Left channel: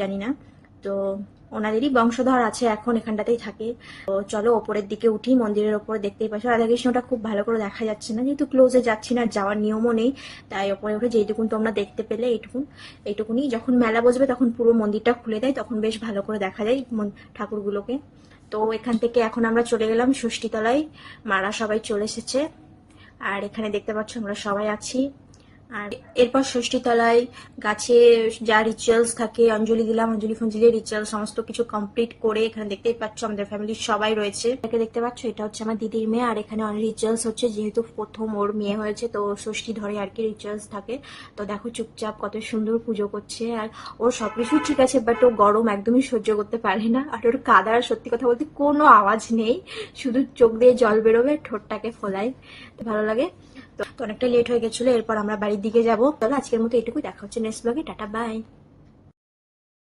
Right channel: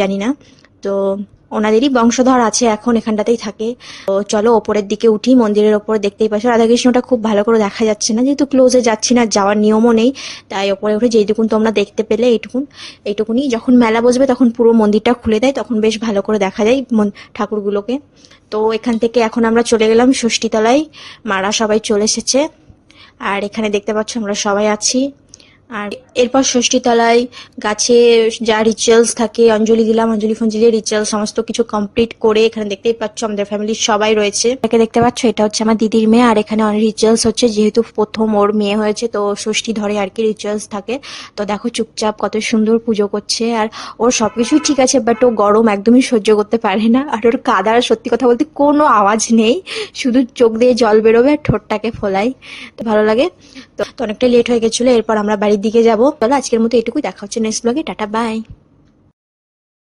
জানি না। তো ওনাদেরই বংশধর আছে, এখন এখানটাতেই থাকে। তো চলো ওপরের দিকে উঠি, মন্দিরের ওপরে দেখতেই পাচ্ছ রাধাকৃষ্ণটা খুব ভালো করে দেখা যাচ্ছে না, যেহেতু ক্লোজে যাচ্ছি না, যাওয়ার নিয়মও নেই। তাই ওপরে উঠে যেইটুকুন তোমরা দেখতে পেলে এইটুকুনি। যখন মেলা বসবে তখন পুরো মন্দিরটা খুলে দেয়, তখন বেশ ভালো করে দেখা যায় ঠাকুরগুলোকে। তো এখান থেকে এখন আমরা চলে গেলাম ষষ্ঠীতলায়। মারা সবাই চলে এসেছে, আর এখানে দেখতে পাচ্ছ আমরা সবাই আছি। আর এরপর ষষ্ঠীতলায় গাছে যা রিচুয়ালস থাকে, অঞ্জলি দিলাম, অঞ্জলি ফঞ্জলি রিচুয়াল সমস্ত কিছু কমপ্লিট করে এখানে দেখতেই পাচ্ছ আমাদের ফ্যামিলির সবাই রয়েছে। এটাকে দেখতে পাচ্ছ, এটা হচ্ছে আমার দিদির মেয়ে, আর এখানে অনেক রিচুয়ালস হচ্ছে, যেহেতু প্রথম ওর মেয়ে হয়েছে তো ষষ্ঠী ধরে আর কি রিচুয়ালস থাকে। তো দেখো চুপচাপ কত সুন্দর পুজো করছে, আর ওর সবকিছুই ঠিক আছে, বাট ও গরম একদমই সহ্য করতে পারে না। আর ওর কাদার সত্যি কথা বলতে কোনো আওয়াজ নেই, শুধু চোখ দিয়ে জল বেরোবে আর ঠোঁটটাকে ফোলাই। তো ভালো লাগে। তো অনেকটা লেট হয়ে গেছিলো, এরপর আমরা বাড়ির দিকে যাবো। চলো আজকের মতো এটুকুই, দেখা হচ্ছে নেক্সট ব্লগে, টাটা বাই।